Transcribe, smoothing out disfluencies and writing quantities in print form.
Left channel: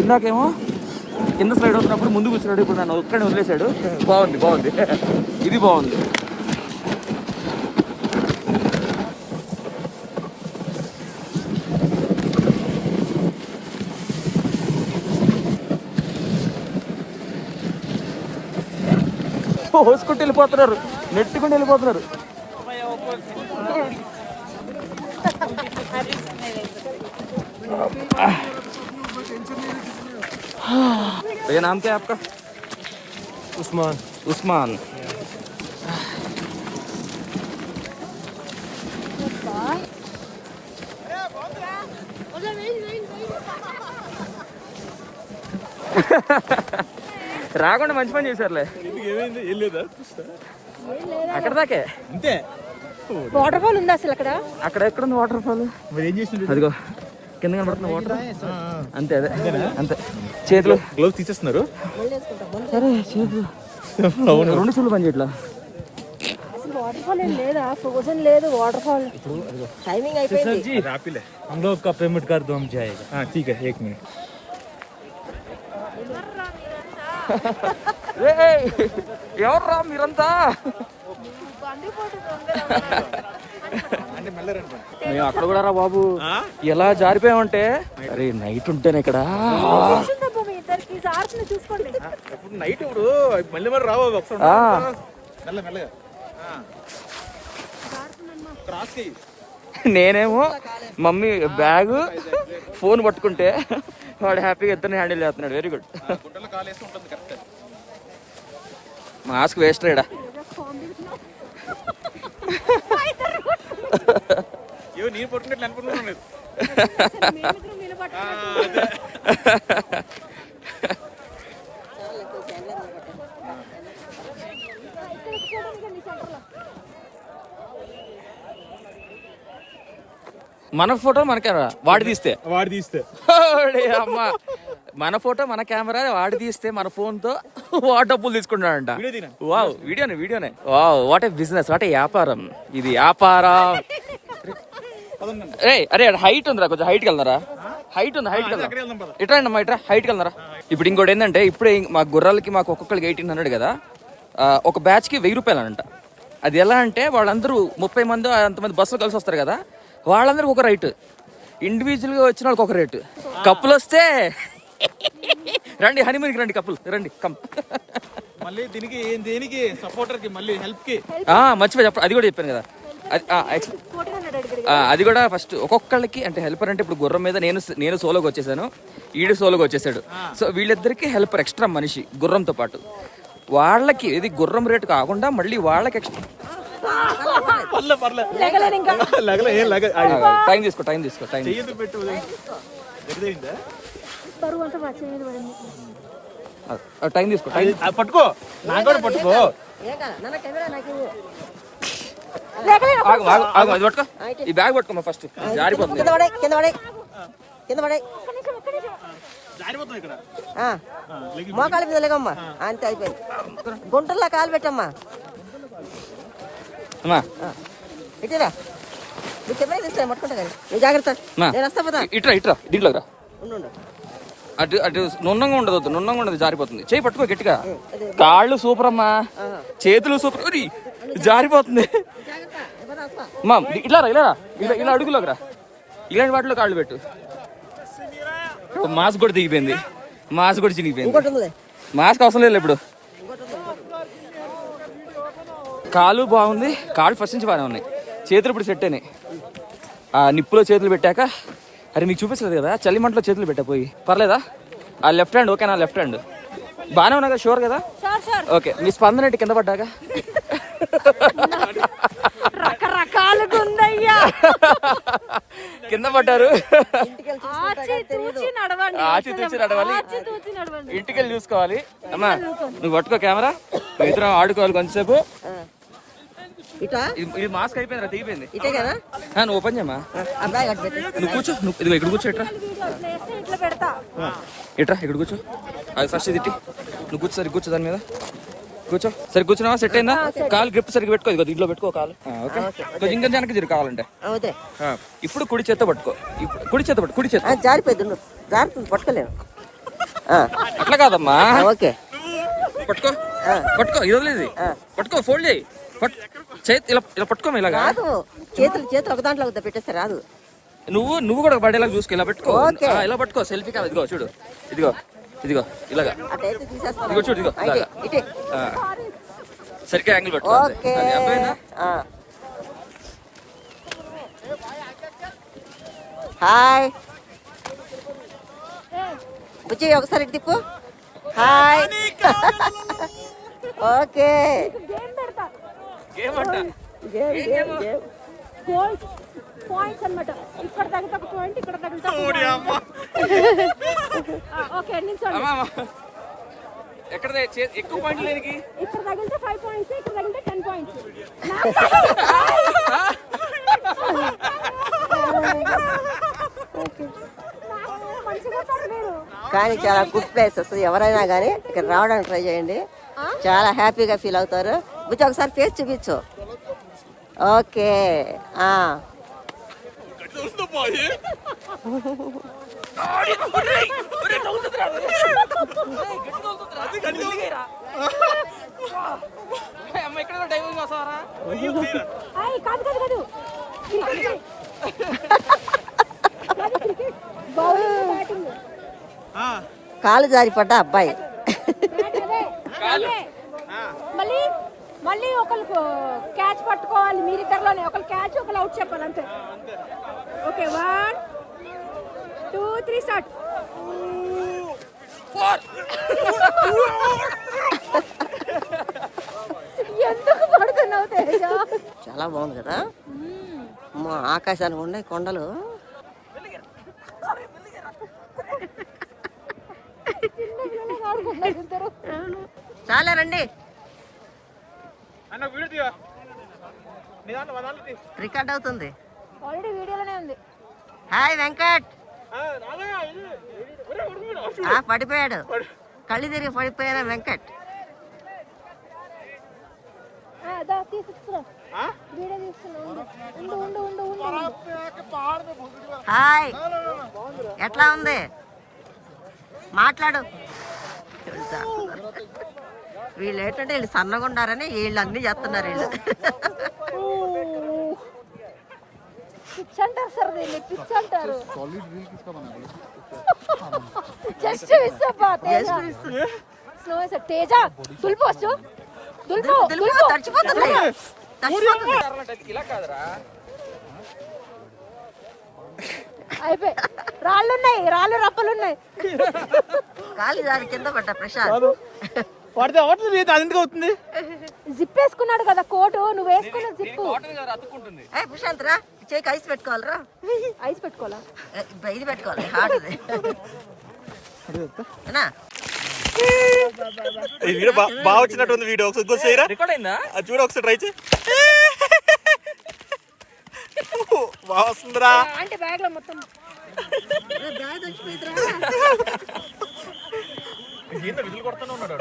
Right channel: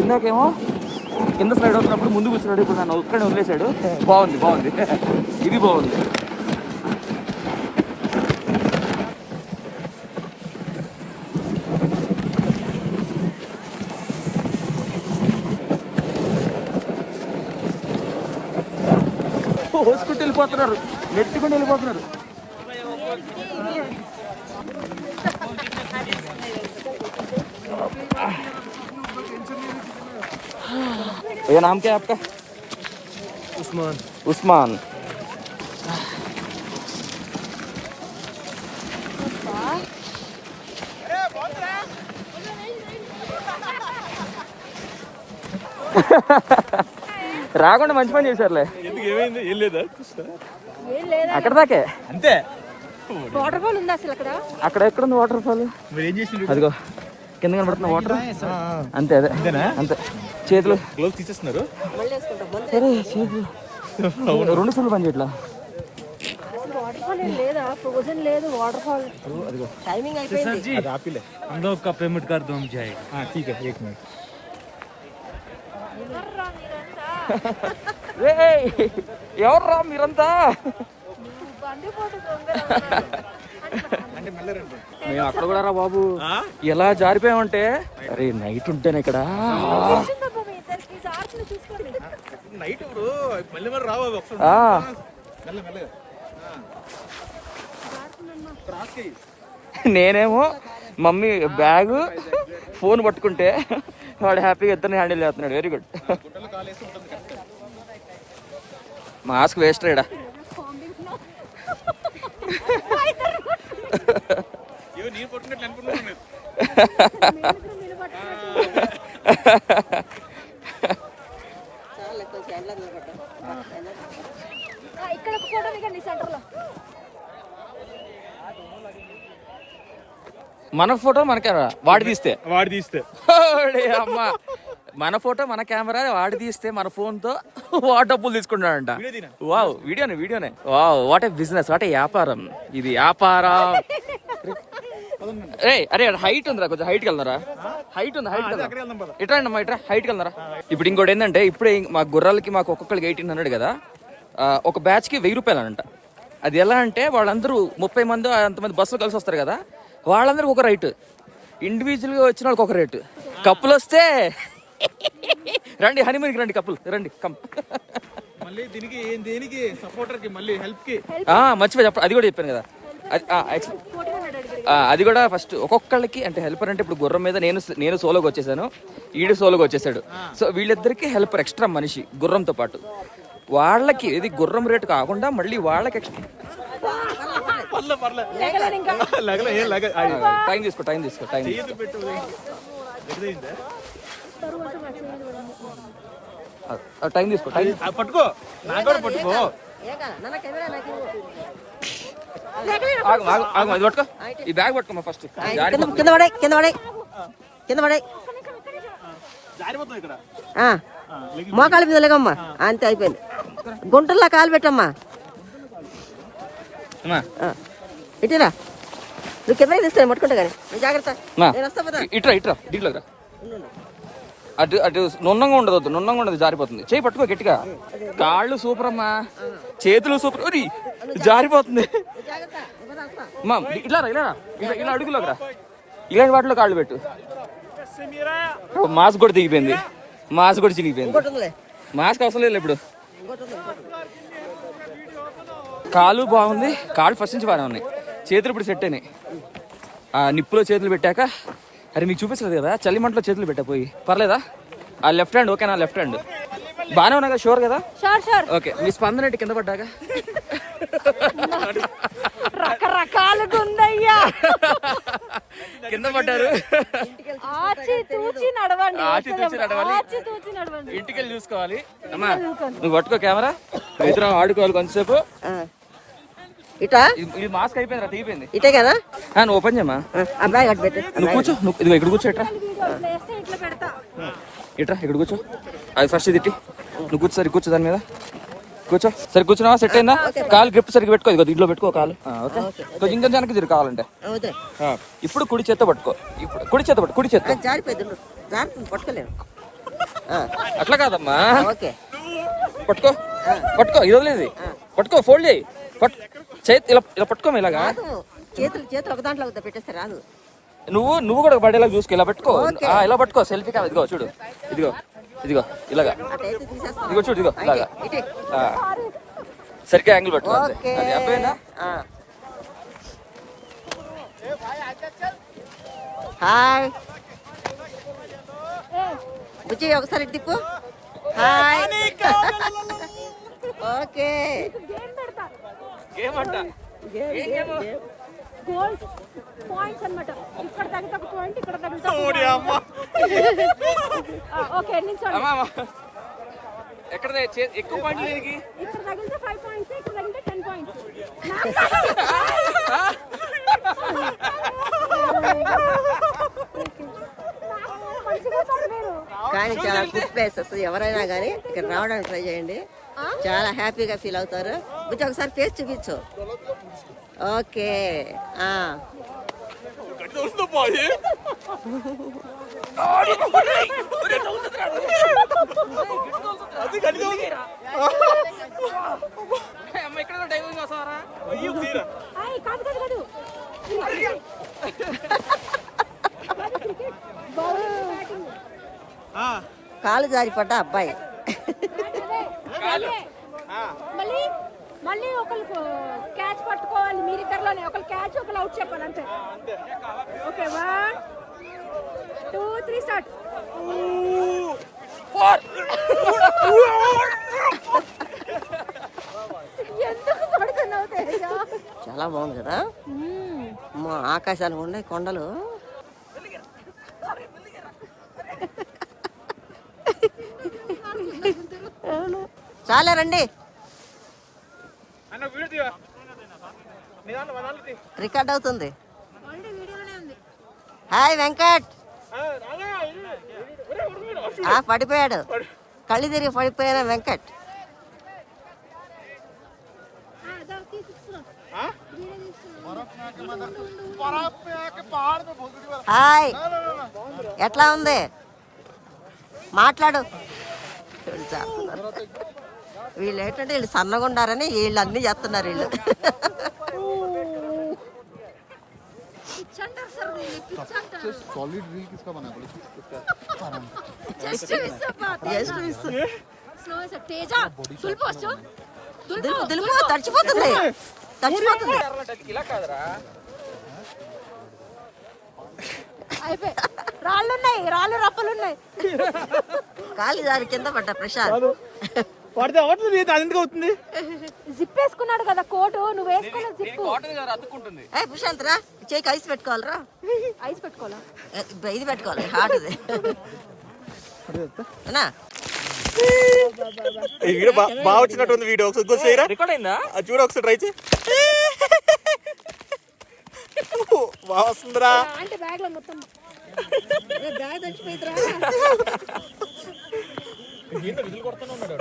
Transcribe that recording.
ఇందాకేమో కింద స్లైడ్ అవుతున్నప్పుడు ముందు కూర్చున్నాడు, ఇప్పుడు నన్ను ఒక్కడే వదిలేశాడు. బాగుంది ఇది బాగుంది. పోసుకుంటూ వెళ్ళిపోతున్నారు, నెట్టుకుంటూ వెళ్ళిపోతున్నారు. भैया नाम क्या है आपका? उस्मान. రాకుండా మంచి పని చేశారులే. అక్కడ దాకే అంతే. వాటర్ ఫాల్ ఉంది అసలు అక్కడ ఎక్కడుంది వాటర్ ఫాల్? అదిగో కింద కనబడుతున్న వాటర్. అంతే అంతే. చేతులు గ్లౌస్ తీసేస్తున్నారు. సరే చేతులు 2 సార్లు పని చేయట్లా. वाटर फॉल లేదా ఫ్రోజన్ లేదు वाटर फॉल. అదిగో టైమింగ్ అయిపోయింది. जी आप ही ले हम लोग का पेमेंट कर दो हम जाएगा. हाँ ठीक है 1 मिनट. ఎవర్రా మీరంతా? మేము అక్కడ కూడా రా బాబు ఎలా జారిపోయామంటే, అరే నైట్ ఉంటేనే ఇక్కడ నైట్ ఇప్పుడు మళ్ళీ మరి రావు. నేనేమో మమ్మీ బ్యాగ్ ఫోన్ పట్టుకుంటే వాడు హ్యాపీగా ఇద్దరిని హ్యాండిల్ చేస్తున్నాడు. Very good. మాస్క్ వేస్ట్ రేడా. మన ఫోటో మన కెమెరా వాడి తీస్తే అమ్మా, మన ఫోటో మన కెమెరా వాడి తీస్తే మన ఫోన్ తో వాడు డబ్బులు తీసుకుంటాడంట. వావ్ వీడియోనే wow. What a business, what a వ్యాపారం ఇది, వ్యాపారం. అరే హైట్ ఉందిరా, కొంచెం హైట్కి వెళ్తారా? హైట్ ఉంది ఇట్రా అండి అమ్మా, ఇట్రా హైట్కి వెళ్తారా. ఇప్పుడు ఇంకోటి ఏంటంటే, ఇప్పుడే మా గుర్రాలకి మాకు ఒక్కొక్కరికి 1800 కదా, ఒక బ్యాచ్కి 1000 రూపాయలు అంట. అది ఎలా అంటే వాళ్ళందరూ 30 మంది అంతమంది బస్సులు కలిసి వస్తారు కదా, వాళ్ళందరికి ఒక రైట్, ఇండివిజువల్గా వచ్చిన వాళ్ళకి ఒక రేటు. కప్పులు వస్తే రండి హనీమూన్కి రండి, కప్పులు రండి కమ్. మర్చిపోయి చెప్పండి, అది కూడా చెప్పాను కదా. అది కూడా ఫస్ట్ ఒక్కొక్కళ్ళకి అంటే హెల్పర్ అంటే, ఇప్పుడు గుర్రం మీద నేను సోలోకి వచ్చేసాను, ఈడు సోలోకి వచ్చేసాడు. సో వీళ్ళిద్దరికి హెల్పర్ ఎక్స్ట్రా మనిషి గుర్రంతో పాటు. వాళ్ళకి ఇది గుర్రం రేటు కాకుండా మళ్ళీ వాళ్ళకి ఎక్స్ట్రా. టైం తీసుకో పట్టుకో. అది పట్టుకో, ఈ బ్యాగ్ పట్టుకోమా ఫస్ట్. మోకాల మీద లేకమ్మా, అంతే అయిపోయింది. గుంటల్లో కాలు పెట్టమ్మా. ఇటురా, నువ్వు కెమెరా తీస్తా ముట్టుకుంటా కదా, నువ్వు జాగ్రత్త. ఇట్రా దీంట్లో రా. అటు నున్నంగా ఉండదు, జారిపోతుంది. చేయి పట్టుకో గట్టిగా. కాళ్ళు సూపర్ అమ్మా, చేతులు సూపర్, జారిపోతుంది. అమ్మా ఇలా అడుగులోకి రా, ఇలాంటి వాటిలో కాళ్ళు పెట్టు. మాస్క్ కూడా దిగిపోయింది, మాస్క్ కూడా చినిగిపోయింది. మాస్క్ అవసరం లేదు ఇప్పుడు. కాలు బాగుంది, కాళ్ళు ఫస్ట్ నుంచి బాగానే ఉన్నాయి, చేతులు ఇప్పుడు సెట్ అయినాయి. ఆ నిప్పులో చేతులు పెట్టాక, అరే మీకు చూపించలేదు కదా, చలిమంటలో చేతులు పెట్టా పోయి. పర్లేదా? ఆ లెఫ్ట్ హ్యాండ్ ఓకేనా? లెఫ్ట్ హ్యాండ్ బాగానే ఉన్నా కదా? షూర్ కదా? ఓకే. మీ స్పందన ఏంటి కింద పడ్డాక? రకరకాలుగా ఉందయ్యా. కింద పడ్డారు, ఆచితూచి నడవాలి, ఇంటికి వెళ్ళి చూసుకోవాలి. అమ్మా నువ్వు పట్టుకో కెమెరా, ఇద్దరం ఆడుకోవాలి కొంతసేపు. ఇది మాస్క్ అయిపోయింది, తెగిపోయింది. ఇటే కదా, నువ్వు ఓపెన్ చేయమ్మా. నువ్వు కూర్చో, ఇదిగో ఇక్కడ కూర్చో. ఇట్రా ఇక్కడ కూర్చో. అది ఫస్ట్ ఇది ఇట్టి, నువ్వు కూర్చో. సరి కూర్చో, దాని మీద కూర్చో. సరి కూర్చున్నావా? సెట్ అయిందా? కాలు గ్రిప్ సరిగ్గా పెట్టుకో, ఇదిగో దీంట్లో పెట్టుకో కాలు. ఓకే, కొంచెం ఇంకా వెనక్కి తిరిగి కావాలంటే. ఇప్పుడు కుడి చేత్తో పట్టుకో. ఇప్పుడు కుడి చేత్తో జారిపోయింది, పట్టుకోలేవు. అట్లా కాదమ్మా. ఓకే పట్టుకో పట్టుకో, ఇది వదిలేదు, పట్టుకో, ఫోల్డ్ చేయి, చేతి ఇలా ఇలా పట్టుకో ఇలాగా. రాదు, చేతులు చేతులు ఒక దాంట్లో పెట్టేస్తే రాదు. నువ్వు కూడా పడేలా చూసుకో, ఇలా పెట్టుకో. ఓకే. ఇలా పట్టుకో, సెల్ఫీ కాదు. ఇదిగో చూడు, ఇదిగో ఇదిగో ఇలాగా, అటైతే తీసేస్తాను. ఇదిగో చూడు, ఇదిగో ఇలాగా. ఇటు. సరిగ్గా యాంగిల్ పెట్టుకో. ఓకే అది అర్థమైందా? హాయ్ బుజ్జి, ఒకసారి ఇటు తిప్పు. హాయ్ ఓకే గేమ్ అంట. గోల్స్ పాయింట్స్ అన్నమాట. ఇక్కడ తగిలితే ఒక పాయింట్, ఇక్కడ తగిలితే ఒక ఓకే నిల్చోండి. ఎక్కడ ఎక్కువ పాయింట్లు లేనికి? ఇక్కడ తగిలితే 5 పాయింట్స్, ఇక్కడ తగిలితే 10 పాయింట్స్. కానీ చాలా గుడ్ ప్లేసెస్. ఎవరైనా కానీ ఇక్కడ రావడానికి ట్రై చేయండి, చాలా హ్యాపీగా ఫీల్ అవుతారు. బుజ్జి ఒకసారి ఫేస్ చూపించు. ఓకే కాదు కాదు కాదు బౌలింగ్ బ్యాటింగ్ కాలు జారి పడ్డ అబ్బాయి. మళ్ళీ మళ్ళీ ఒకరికి క్యాచ్ పట్టుకోవాలి. మీరిద్దరిలోనే ఒకరు క్యాచ్, ఒకరు అవుట్ చెప్పాలి అంతే. Okay 1 2 3 start. ఎందుకు పడుతున్నావు తేజ? చాలా బాగుంది కదా. అమ్మో, ఆకాశానికి ఉన్నాయి కొండలు. చాలా రండి, రికార్డ్ అవుతుంది. ఆల్రెడీ వీడియోలోనే ఉంది. హాయ్ వెంకట్. పడిపోయాడు, కళ్ళు తిరిగి పడిపోయిన వెంకట్. హాయ్, ఎట్లా ఉంది? మాట్లాడు. వీళ్ళు ఏంటంటే వీళ్ళు సన్నగా ఉండారని వీళ్ళు అన్ని చేస్తున్నారు. వీళ్ళు తడిచిపోతుంది, తడిచిపోతుంది. ఇలా కాదురా, రాళ్ళున్నాయి, రాళ్ళు రప్పలు ఉన్నాయి. కాలు దాని కింద పడ్డా ప్రశాంత్. జిప్ వేసుకున్నాడు కదా కోటు, నువ్వు వేసుకున్న జిప్. అతుక్కుంటుంది. ప్రశాంత్ రా, చేయికి ఐస్ పెట్టుకోవాలరా. ఐస్ పెట్టుకోవాలా? ఇది పెట్టుకోవాలి, హాట్ ఇది. ఈ వీడియో బాగా వచ్చినట్టుంది. వీడియో ఒకసారి చేయరా, రికార్డ్ అయిందా? అది చూడ ఒకసారి ట్రై చేయి. బాగా వస్తుందిరా. అంటే బ్యాగ్ లో మొత్తం బ్యాగ్ తెచ్చిపోయిద్రా. విజిల్ కొడుతూనే ఉన్నాడు.